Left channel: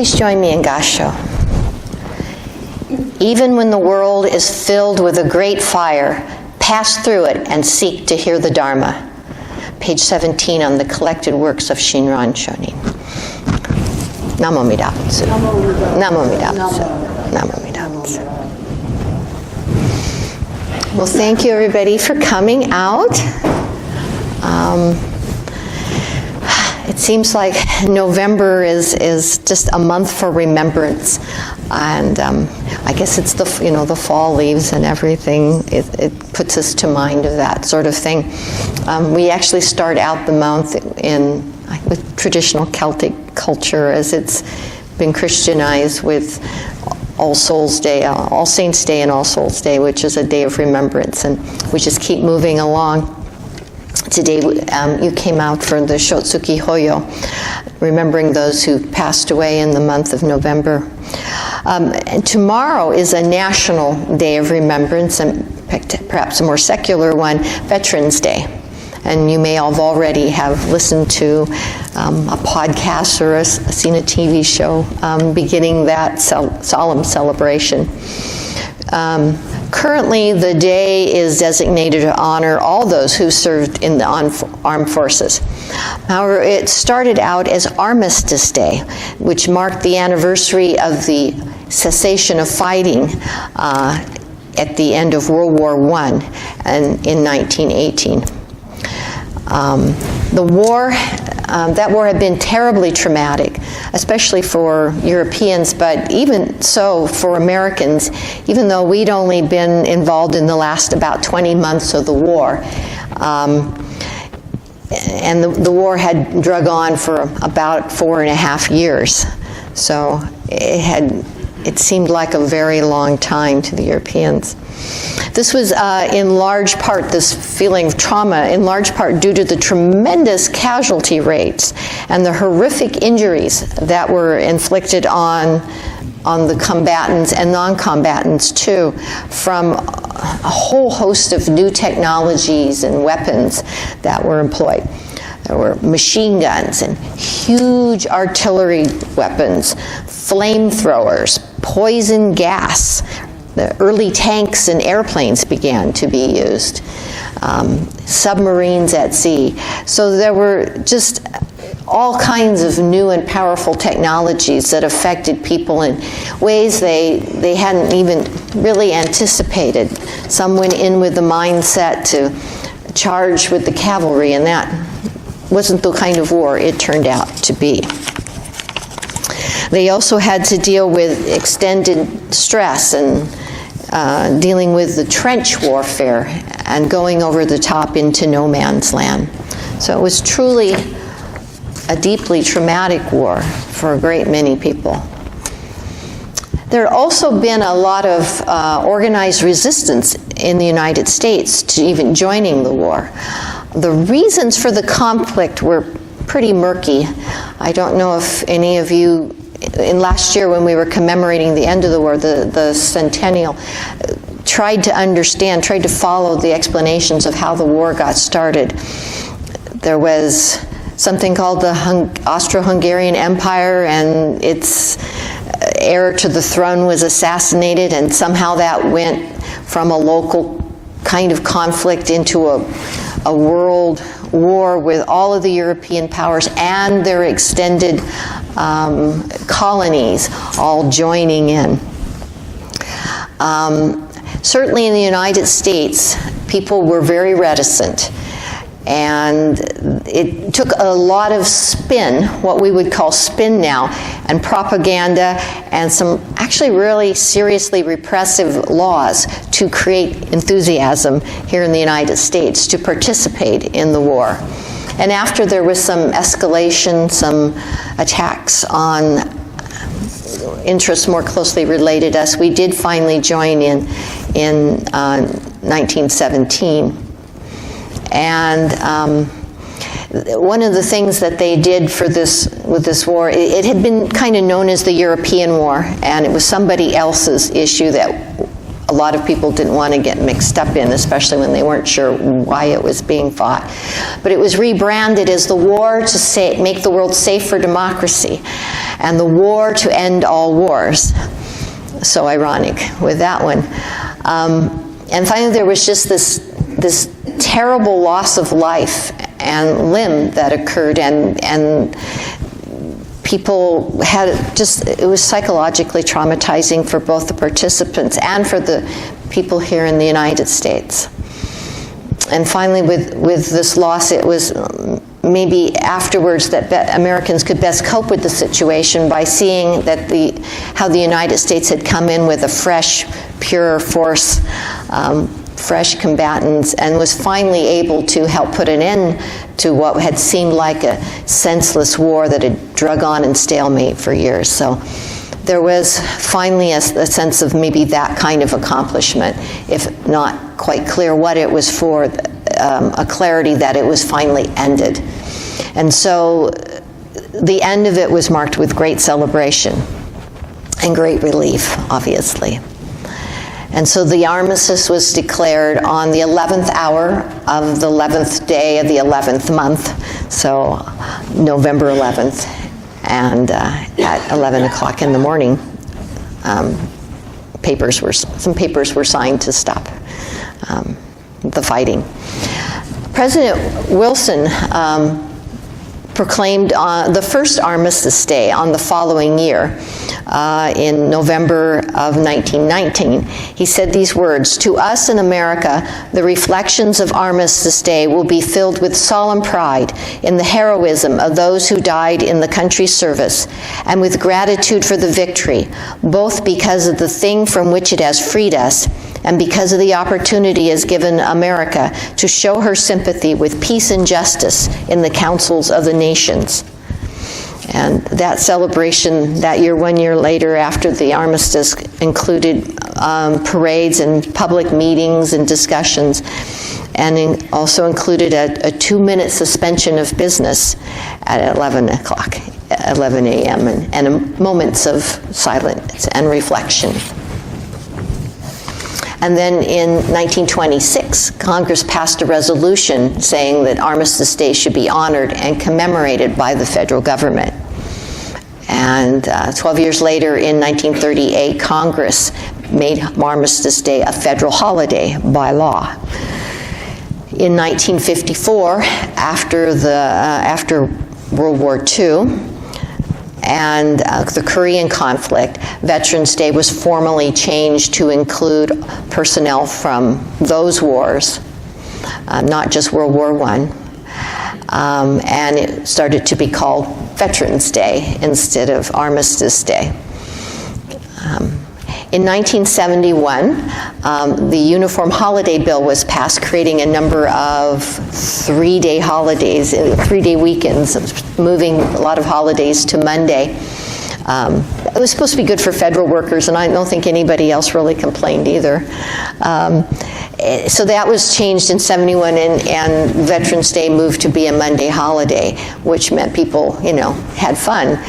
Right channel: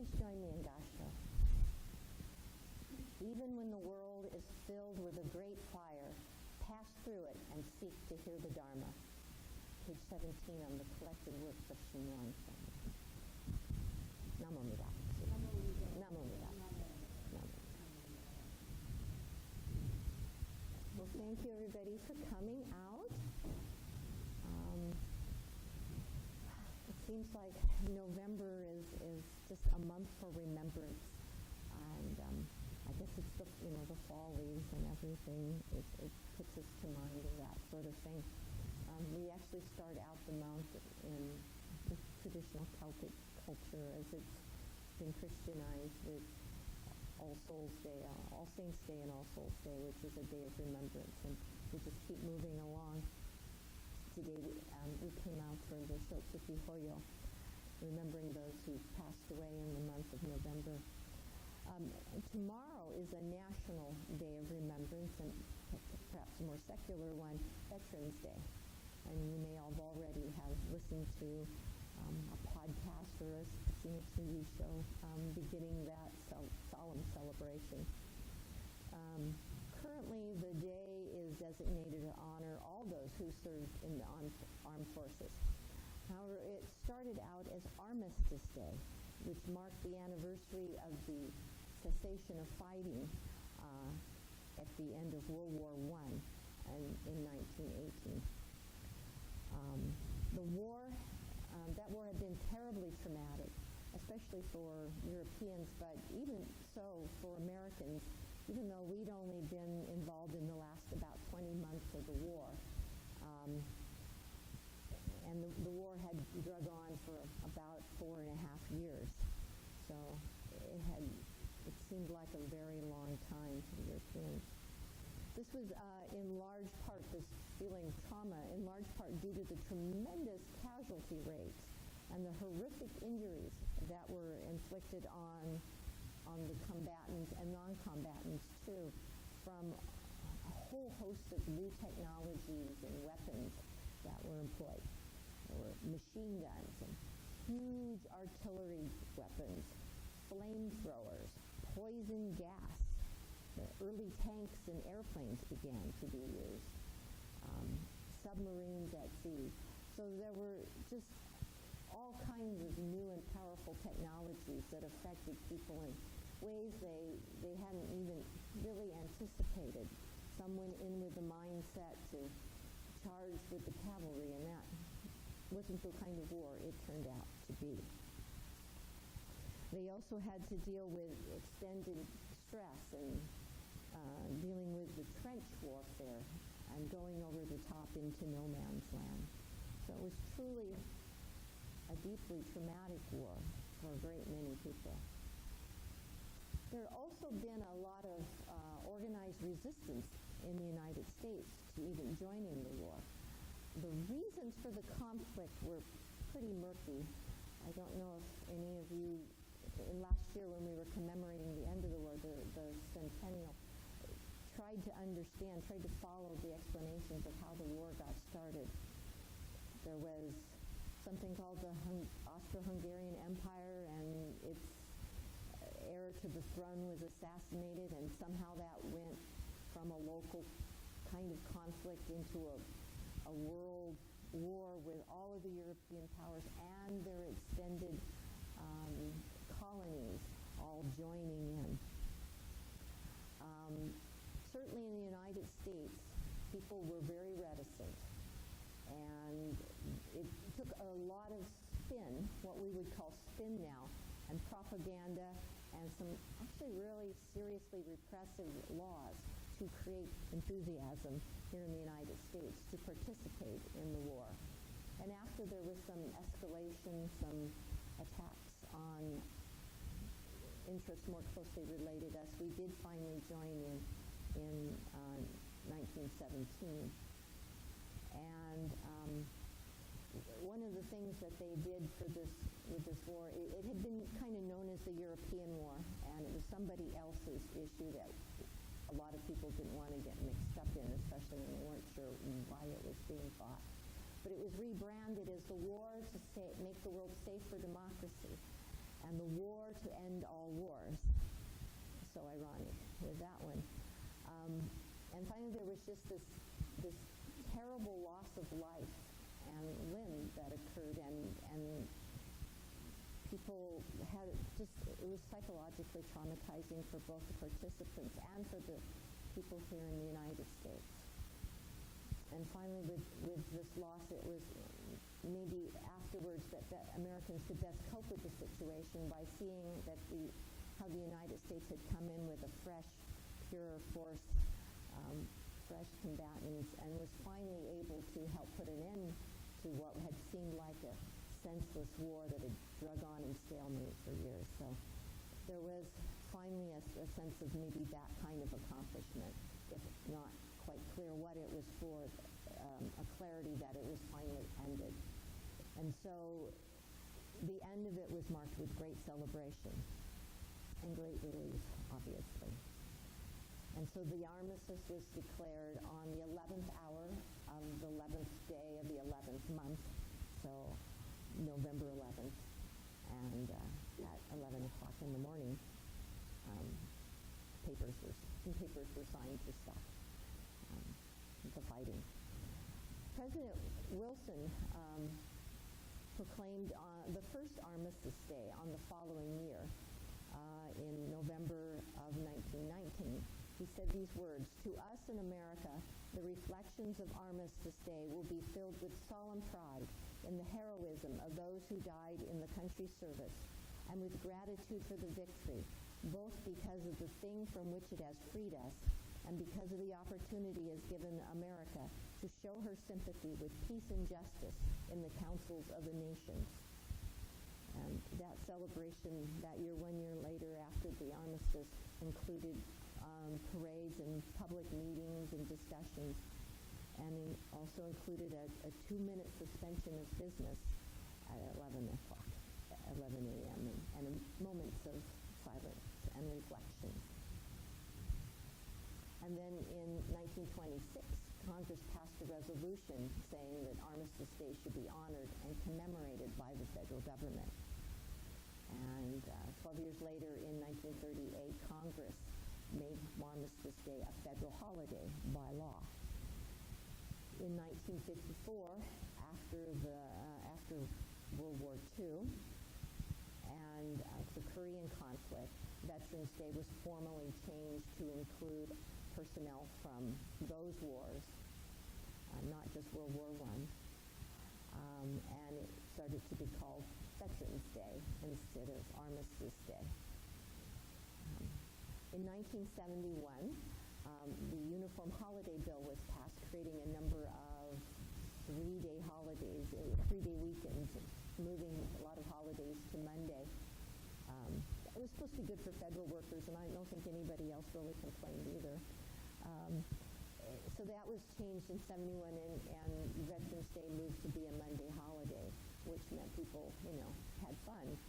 Please join me in Gasho. Even when the world is filled with a great fire, pass through it and seek to hear the Dharma. Page 17 on the collected works of Shinran Shonin. Namo Amida Butsu. Namo Amida Butsu. Namo Amida Butsu. Well, thank you everybody for coming out. It seems like November is just a month for remembrance, and I guess it's the fall leaves and everything. It puts us to mind of that sort of thing. We actually start out the month with traditional Celtic culture, as it's been Christianized with All Souls Day, All Saints Day, and All Souls Day, which is a day of remembrance, and we just keep moving along. Today, you came out for the Shotsuki Hoyo, remembering those who passed away in the month of November. And tomorrow is a national day of remembrance, and perhaps a more secular one, Veterans Day. And you may have already have listened to a podcast or seen a TV show beginning that solemn celebration. Currently, the day is designated to honor all those who served in the armed forces. However, it started out as Armistice Day, which marked the anniversary of the cessation of fighting at the end of World War I and in 1918. That war had been terribly traumatic, especially for Europeans, but even so for Americans, even though we'd only been involved in the last about 20 months of the war. And the war had drug on for about 4.5 years. So it seemed like a very long time to the Europeans. This was in large part, this feeling of trauma, in large part due to the tremendous casualty rates and the horrific injuries that were inflicted on the combatants and non-combatants too, from a whole host of new technologies and weapons that were employed. There were machine guns and huge artillery weapons, flamethrowers, poison gas. The early tanks and airplanes began to be used, submarines at sea. So there were just all kinds of new and powerful technologies that affected people in ways they hadn't even really anticipated. Some went in with the mindset to charge with the cavalry, and that wasn't the kind of war it turned out to be. They also had to deal with extended stress and dealing with the trench warfare and going over the top into no man's land. So it was truly a deeply traumatic war for a great many people. There had also been a lot of organized resistance in the United States to even joining the war. The reasons for the conflict were pretty murky. I don't know if any of you, in last year when we were commemorating the end of the war, the centennial, tried to follow the explanations of how the war got started. There was something called the Austro-Hungarian Empire, and its heir to the throne was assassinated, and somehow that went from a local kind of conflict into a world war with all of the European powers and their extended colonies all joining in. Certainly in the United States, people were very reticent, and it took a lot of spin, what we would call spin now, and propaganda, and some actually really seriously repressive laws to create enthusiasm here in the United States to participate in the war. And after there was some escalation, some attacks on interests more closely related to us, we did finally join in 1917. And one of the things that they did with this war, it had been kind of known as the European War, and it was somebody else's issue that a lot of people didn't want to get mixed up in, especially when they weren't sure why it was being fought. But it was rebranded as the war to make the world safe for democracy and the war to end all wars. So ironic with that one. And finally, there was just this terrible loss of life and limb that occurred, and people had it was psychologically traumatizing for both the participants and for the people here in the United States. And finally, with this loss, it was maybe afterwards that Americans could best cope with the situation by seeing that how the United States had come in with a fresh, pure force, fresh combatants, and was finally able to help put an end to what had seemed like a senseless war that had drug on in stalemate for years. So there was finally a sense of maybe that kind of accomplishment, if not quite clear what it was for, a clarity that it was finally ended. And so the end of it was marked with great celebration and great relief, obviously. And so the armistice was declared on the 11th hour of the 11th day of the 11th month, so November 11th, and at 11 o'clock in the morning, some papers were signed to stop the fighting. President Wilson proclaimed the first armistice day on the following year, in November of 1919. He said these words, "To us in America, the reflections of Armistice Day will be filled with solemn pride in the heroism of those who died in the country's service, and with gratitude for the victory, both because of the thing from which it has freed us, and because of the opportunity it has given America to show her sympathy with peace and justice in the councils of the nations." And that celebration that year, 1 year later after the armistice, included parades and public meetings and discussions, and also included a 2-minute suspension of business at 11 a.m. and moments of silence and reflection. And then in 1926, Congress passed a resolution saying that Armistice Day should be honored and commemorated by the federal government. And 12 years later, in 1938, Congress made Armistice Day a federal holiday by law. In 1954, after World War II, and the Korean conflict, Veterans Day was formally changed to include personnel from those wars, not just World War I. And it started to be called Veterans Day instead of Armistice Day. In 1971, the Uniform Holiday Bill was passed, creating a number of 3-day holidays, 3-day weekends, moving a lot of holidays to Monday. It was supposed to be good for federal workers, and I don't think anybody else really complained either. So that was changed in 71, and Veterans Day moved to be a Monday holiday, which meant people, had fun.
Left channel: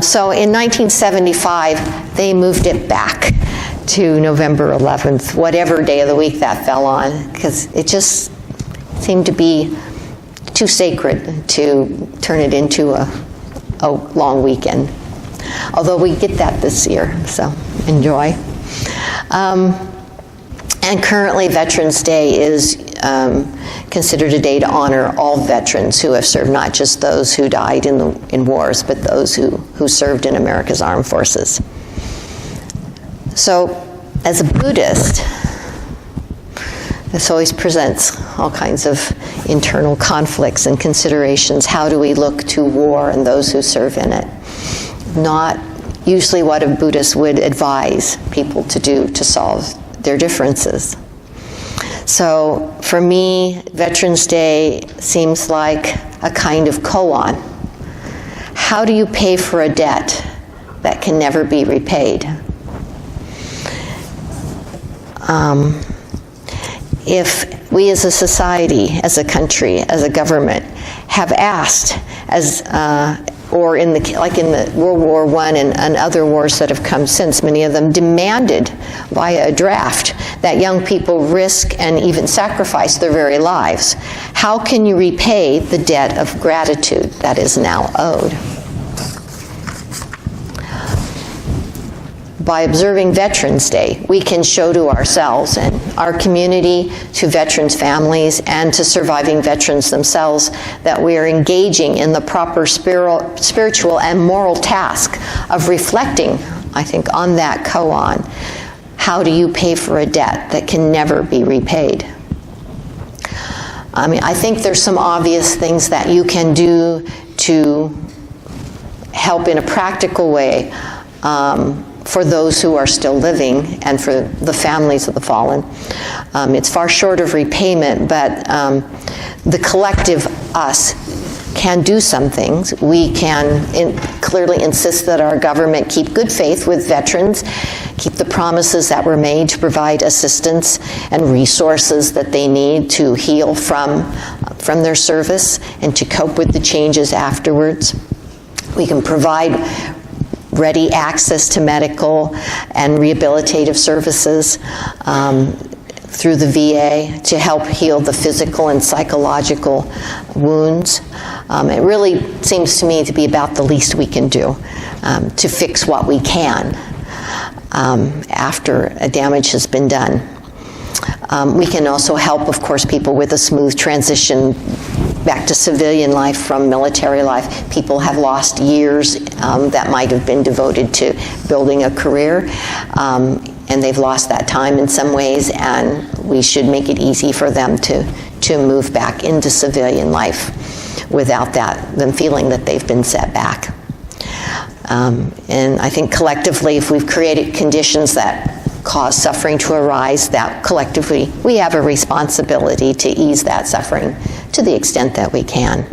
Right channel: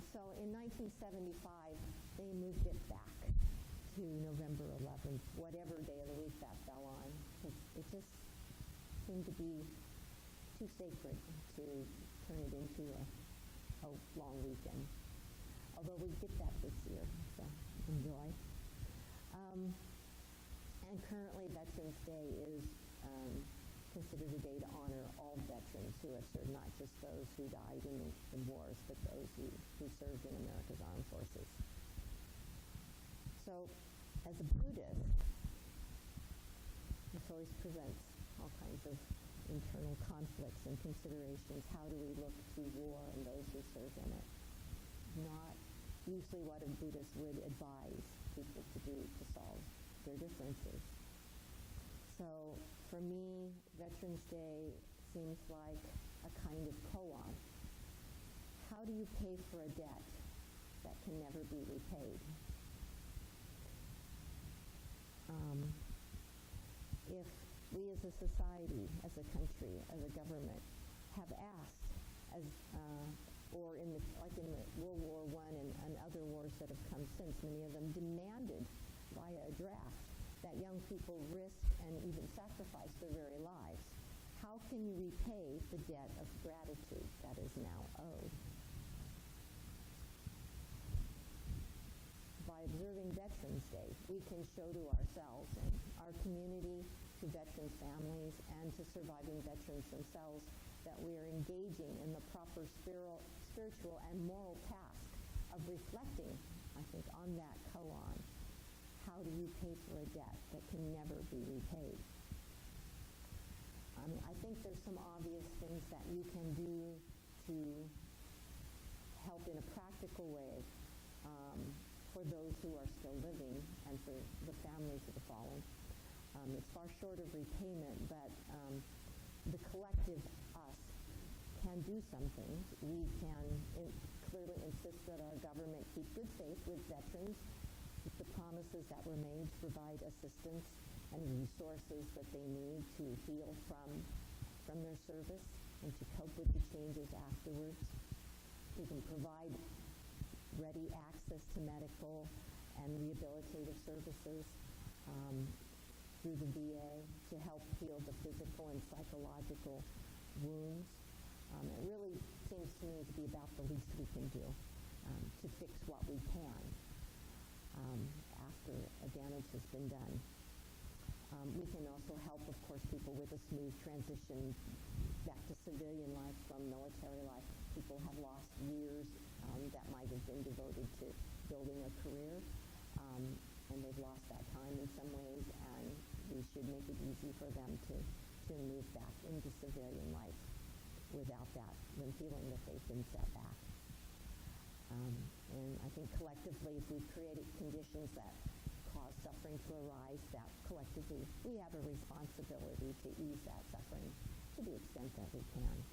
So in 1975, they moved it back to November 11th, whatever day of the week that fell on, because it just seemed to be too sacred to turn it into a long weekend. Although we get that this year, so enjoy. And currently, Veterans Day is considered a day to honor all veterans who have served, not just those who died in wars, but those who served in America's armed forces. So, as a Buddhist, this always presents all kinds of internal conflicts and considerations. How do we look to war and those who serve in it? Not usually what a Buddhist would advise people to do to solve their differences. So for me, Veterans Day seems like a kind of koan. How do you pay for a debt that can never be repaid? If we as a society, as a country, as a government, have asked, as or like in the World War I and other wars that have come since, many of them demanded via a draft that young people risk and even sacrifice their very lives. How can you repay the debt of gratitude that is now owed? By observing Veterans Day, we can show to ourselves and our community, to veterans' families, and to surviving veterans themselves that we are engaging in the proper spiritual and moral task of reflecting, I think, on that koan. How do you pay for a debt that can never be repaid? I mean, I think there's some obvious things that you can do to help in a practical way for those who are still living and for the families of the fallen. It's far short of repayment, but the collective us can do some things. We can clearly insist that our government keep good faith with veterans, keep the promises that were made to provide assistance and resources that they need to heal from their service and to cope with the changes afterwards. We can provide ready access to medical and rehabilitative services through the VA to help heal the physical and psychological wounds. It really seems to me to be about the least we can do to fix what we can after a damage has been done. We can also help, of course, people with a smooth transition back to civilian life from military life. People have lost years that might have been devoted to building a career, and they've lost that time in some ways, and we should make it easy for them to move back into civilian life without them feeling that they've been set back. And I think collectively, if we've created conditions that cause suffering to arise, that collectively we have a responsibility to ease that suffering to the extent that we can.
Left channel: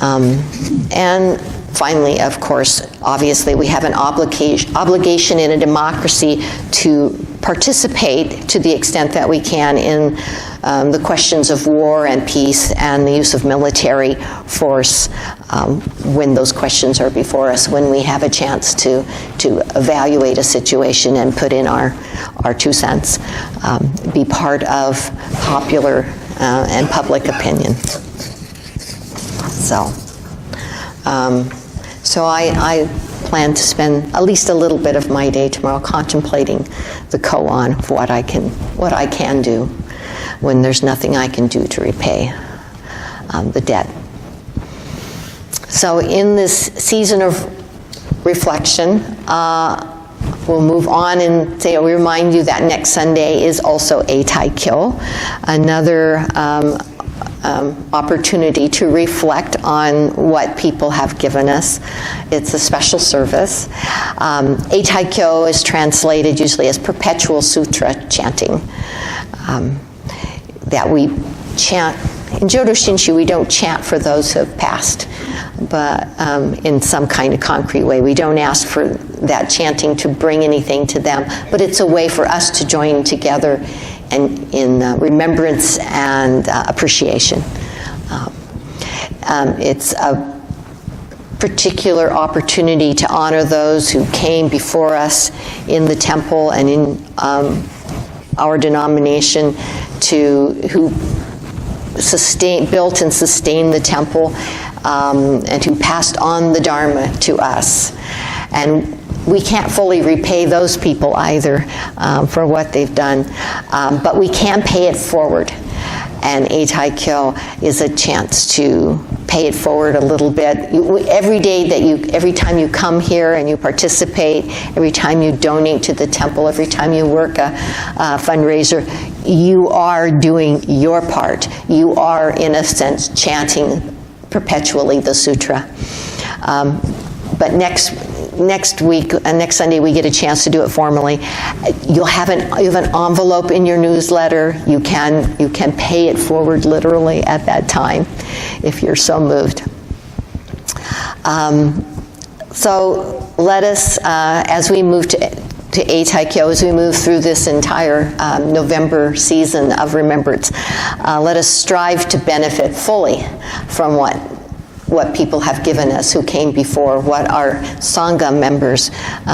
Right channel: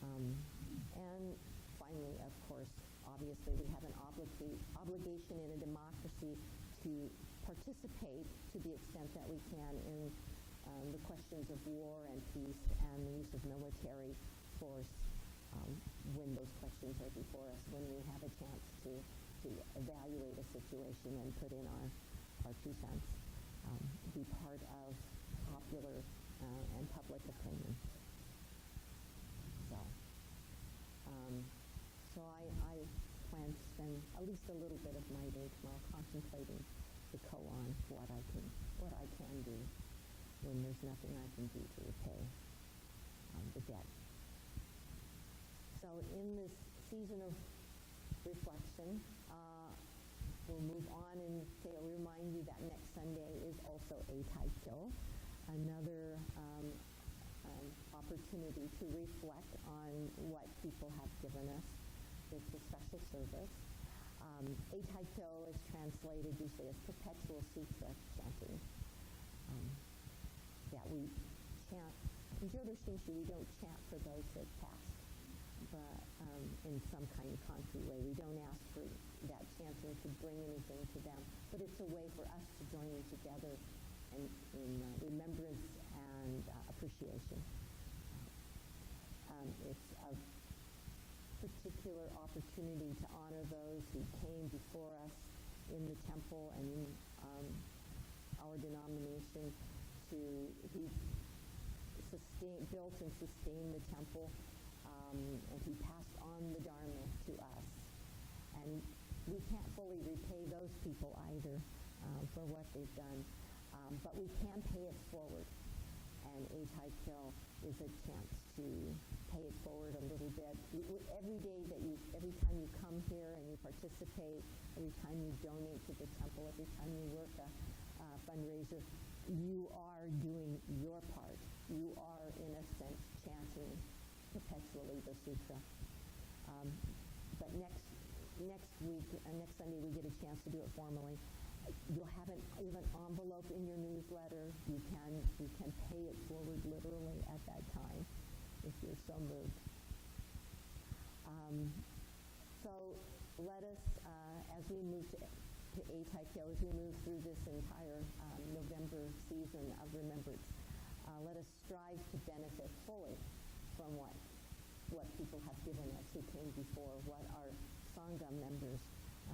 And finally, of course, obviously we have an obligation in a democracy to participate to the extent that we can in the questions of war and peace and the use of military force when those questions are before us, when we have a chance to evaluate a situation and put in our 2 cents, be part of popular and public opinion. So I plan to spend at least a little bit of my day tomorrow contemplating the koan of what I can do when there's nothing I can do to repay the debt. So in this season of reflection, we'll move on and say, we remind you that next Sunday is also Eitaikyo, another opportunity to reflect on what people have given us. It's a special service. Eitaikyo is translated usually as perpetual sutra chanting. That we chant. In Jodo Shinshu, we don't chant for those who have passed, but in some kind of concrete way. We don't ask for that chanting to bring anything to them, but it's a way for us to join together and in remembrance and appreciation. It's a particular opportunity to honor those who came before us in the temple and in our denomination, who built and sustained the temple, and who passed on the Dharma to us. And we can't fully repay those people either for what they've done, but we can pay it forward. And Eitaikyo is a chance to pay it forward a little bit. Every time you come here and you participate, every time you donate to the temple, every time you work a fundraiser, you are doing your part. You are, in a sense, chanting perpetually the sutra. But next week, next Sunday, we get a chance to do it formally. You have an envelope in your newsletter. You can pay it forward literally at that time, if you're so moved. So let us, as we move to Eitaikyo, as we move through this entire November season of remembrance, let us strive to benefit fully from what what people have given us who came before, what our Sangha members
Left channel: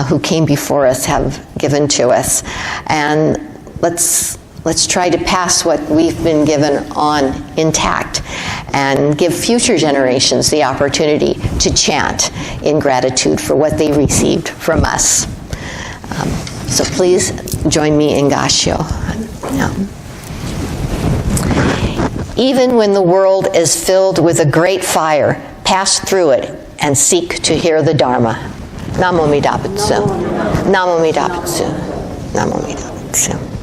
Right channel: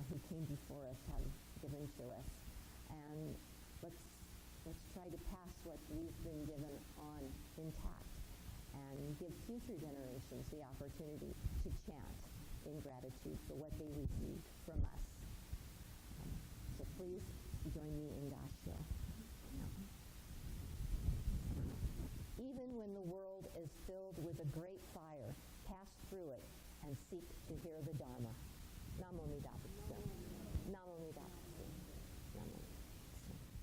who came before us have given to us. And let's try to pass what we've been given on intact and give future generations the opportunity to chant in gratitude for what they received from us. So please join me in Gashio. Now. Even when the world is filled with a great fire, pass through it and seek to hear the Dharma. Namo Amida Butsu. Namo Amida Butsu. Namo Amida Butsu.